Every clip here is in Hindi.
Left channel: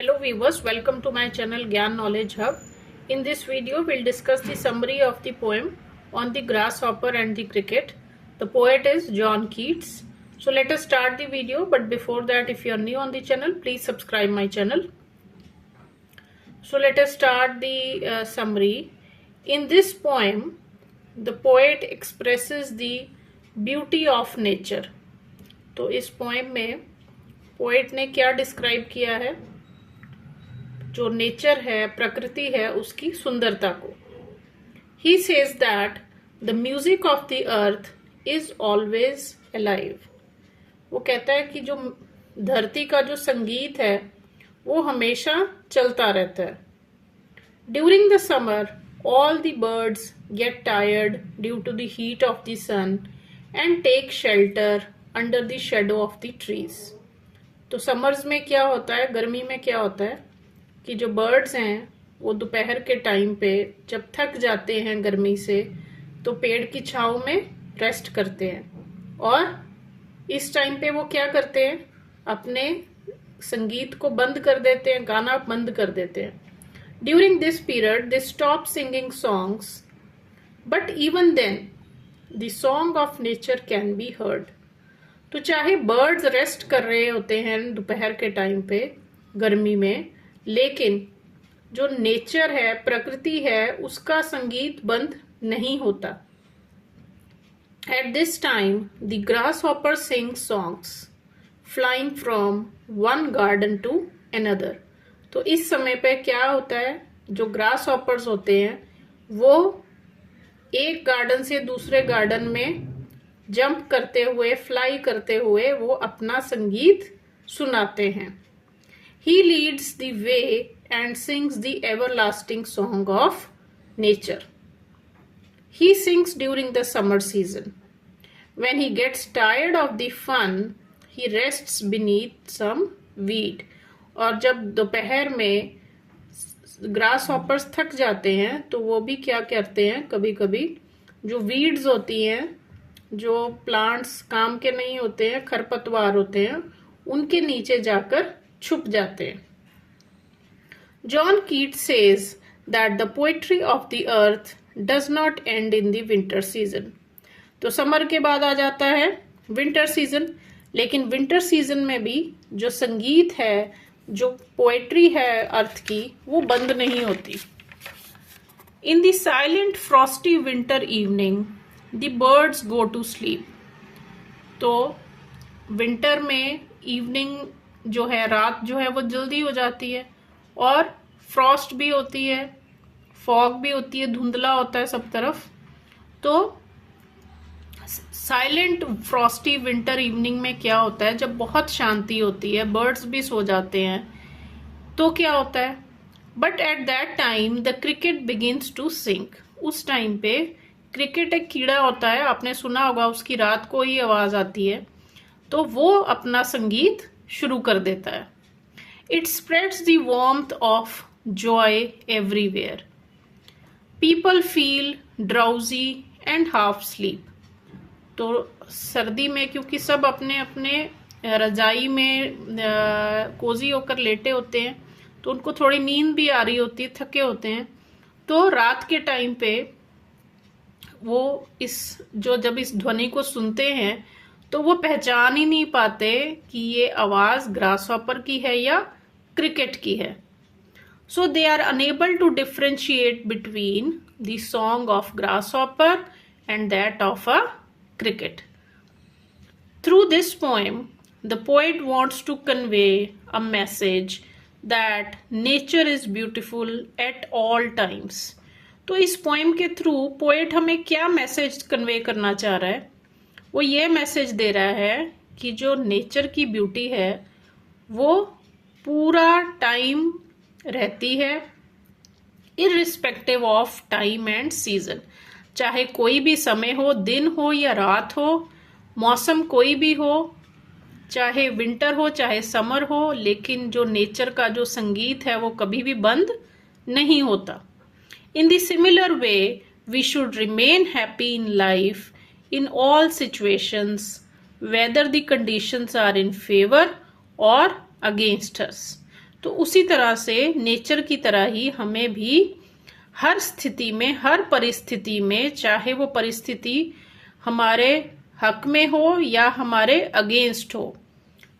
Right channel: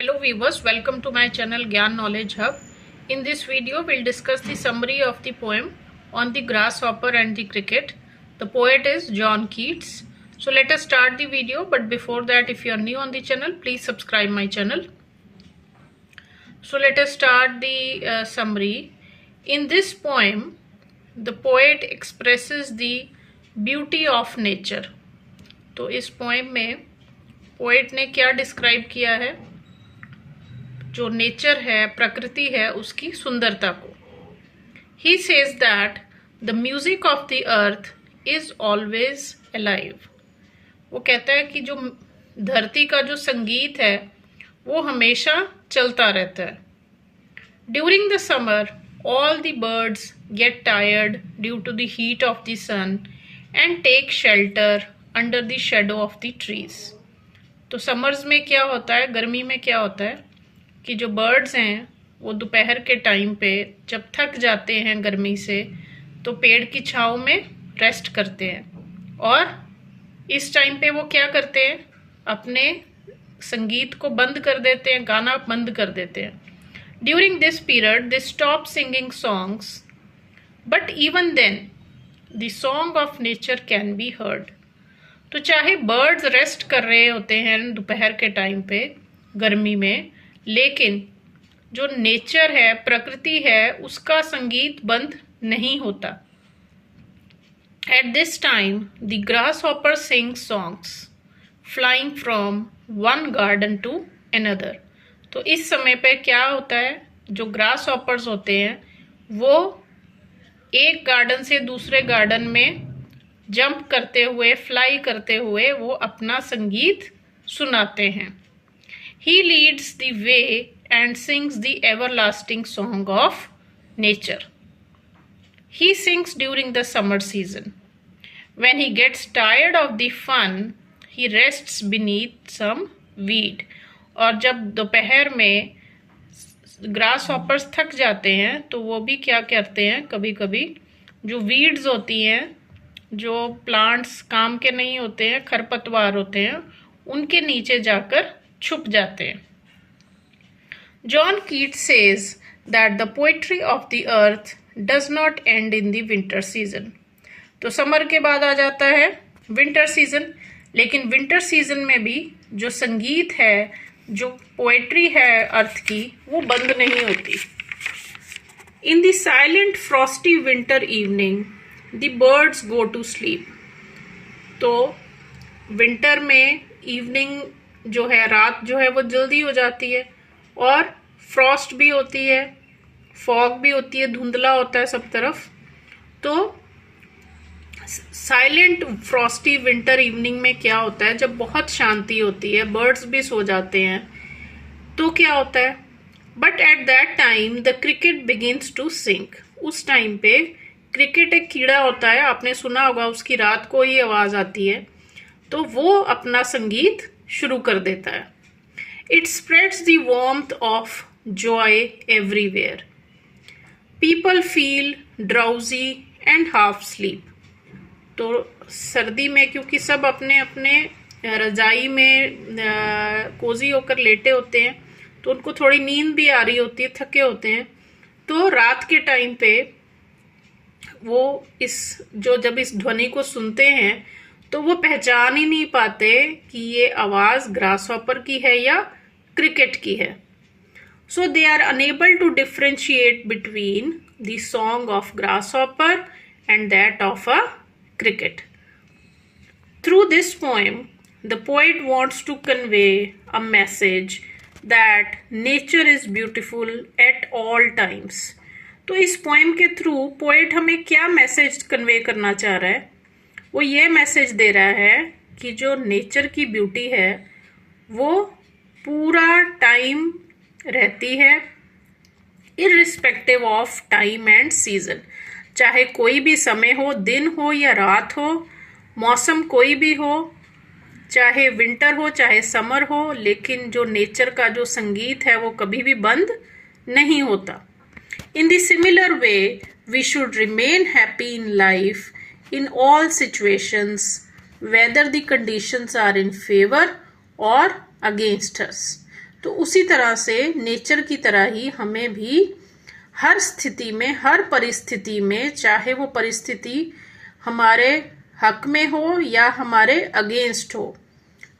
Hello viewers, welcome to my channel Gyan Knowledge Hub. In this video, we'll discuss the summary of the poem on the grasshopper and the cricket. The poet is John Keats. So let us start the video, but before that, if you are new on the channel, please subscribe my channel. So let us start the summary. In this poem, the poet expresses the beauty of nature. तो इस पोएम में पोएट ने क्या डिस्क्राइब किया है? जो नेचर है, प्रकृति है, उसकी सुंदरता को. He says that the music of the earth is always alive. वो कहता है कि जो धरती का जो संगीत है वो हमेशा चलता रहता है. During the summer all the birds get tired due to the heat of the sun and take shelter under the shadow of the trees. तो समर्स में क्या होता है, गर्मी में क्या होता है कि जो बर्ड्स हैं वो दोपहर के टाइम पे जब थक जाते हैं गर्मी से तो पेड़ की छांव में रेस्ट करते हैं, और इस टाइम पे वो क्या करते हैं, अपने संगीत को बंद कर देते हैं, गाना बंद कर देते हैं. During this period they stop singing songs, but even then the song of nature can be heard. तो चाहे बर्ड्स रेस्ट कर रहे होते हैं दोपहर के टाइम पे गर्मी में, लेकिन जो नेचर है, प्रकृति है, उसका संगीत बंद नहीं होता. At this time the grasshopper sing songs flying from one garden to another. तो इस समय पे क्या होता है, जो ग्रास हॉपर्स होते हैं वो एक गार्डन से दूसरे गार्डन में जंप करते हुए, फ्लाई करते हुए वो अपना संगीत सुनाते हैं. He leads the way and sings the everlasting song of nature. He sings during the summer season. When he gets tired of the fun, he rests beneath some weed. और जब दोपहर में ग्रास हॉपर्स थक जाते हैं तो वो भी क्या करते हैं, कभी कभी जो वीड्स होती हैं, जो प्लांट्स काम के नहीं होते हैं, खरपतवार होते हैं, उनके नीचे जाकर छुप जाते हैं. John Keats says that the poetry of the earth does not and in the winter season. तो समर के बाद आ जाता है विंटर सीजन, लेकिन विंटर सीजन में भी जो संगीत है, जो पोएट्री है अर्थ की, वो बंद नहीं होती. In the silent frosty winter evening the birds go to sleep. तो विंटर में इवनिंग जो है, रात जो है वो जल्दी हो जाती है, और फ्रॉस्ट भी होती है, फॉग भी होती है, धुंधला होता है सब तरफ. तो साइलेंट फ्रॉस्टी विंटर इवनिंग में क्या होता है, जब बहुत शांति होती है, बर्ड्स भी सो जाते हैं, तो क्या होता है, but at that time the cricket begins to sing. उस टाइम पे क्रिकेट एक कीड़ा होता है, आपने सुना होगा, उसकी रात को ही आवाज आती है, तो वो अपना संगीत शुरू कर देता है. It spreads the warmth of Joy everywhere. People feel drowsy and half sleep. तो सर्दी में क्योंकि सब अपने अपने रजाई में कोजी होकर लेटे होते हैं, तो उनको थोड़ी नींद भी आ रही होती है, थके होते हैं. तो रात के टाइम पे वो जब इस ध्वनि को सुनते हैं तो वो पहचान ही नहीं पाते कि ये आवाज ग्रासहॉपर की है या क्रिकेट की है. So they are unable to differentiate between the song of grasshopper and that of a cricket. Through this poem the poet wants to convey a message that nature is beautiful at all times. तो इस पोएम के थ्रू पोएट हमें क्या मैसेज कन्वे करना चाह रहा है, वो ये मैसेज दे रहा है कि जो नेचर की ब्यूटी है वो पूरा टाइम रहती है, irrespective of time and season. चाहे कोई भी समय हो, दिन हो या रात हो, मौसम कोई भी हो, चाहे विंटर हो चाहे समर हो, लेकिन जो नेचर का जो संगीत है वो कभी भी बंद नहीं होता. In the similar way we should remain happy in life in all situations, whether the conditions are in favor or against us. तो उसी तरह से नेचर की तरह ही हमें भी हर स्थिति में, हर परिस्थिति में, चाहे वो परिस्थिति हमारे हक में हो या हमारे अगेंस्ट हो,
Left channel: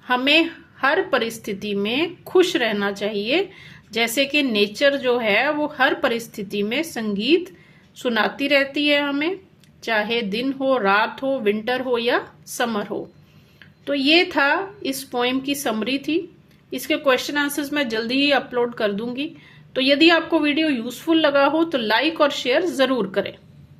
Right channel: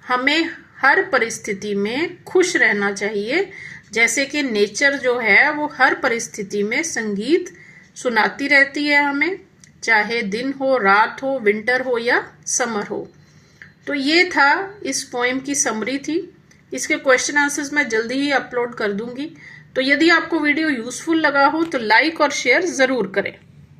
हमें हर परिस्थिति में खुश रहना चाहिए। जैसे कि नेचर जो है वो हर परिस्थिति में संगीत सुनाती रहती है हमें, चाहे दिन हो, रात हो, विंटर हो या समर हो। तो ये था इस पोएम की समरी थी। इसके क्वेश्चन आंसर्स मैं जल्दी ही अपलोड कर दूंगी। तो यदि आपको वीडियो यूजफुल लगा हो तो लाइक और शेयर जरूर करें।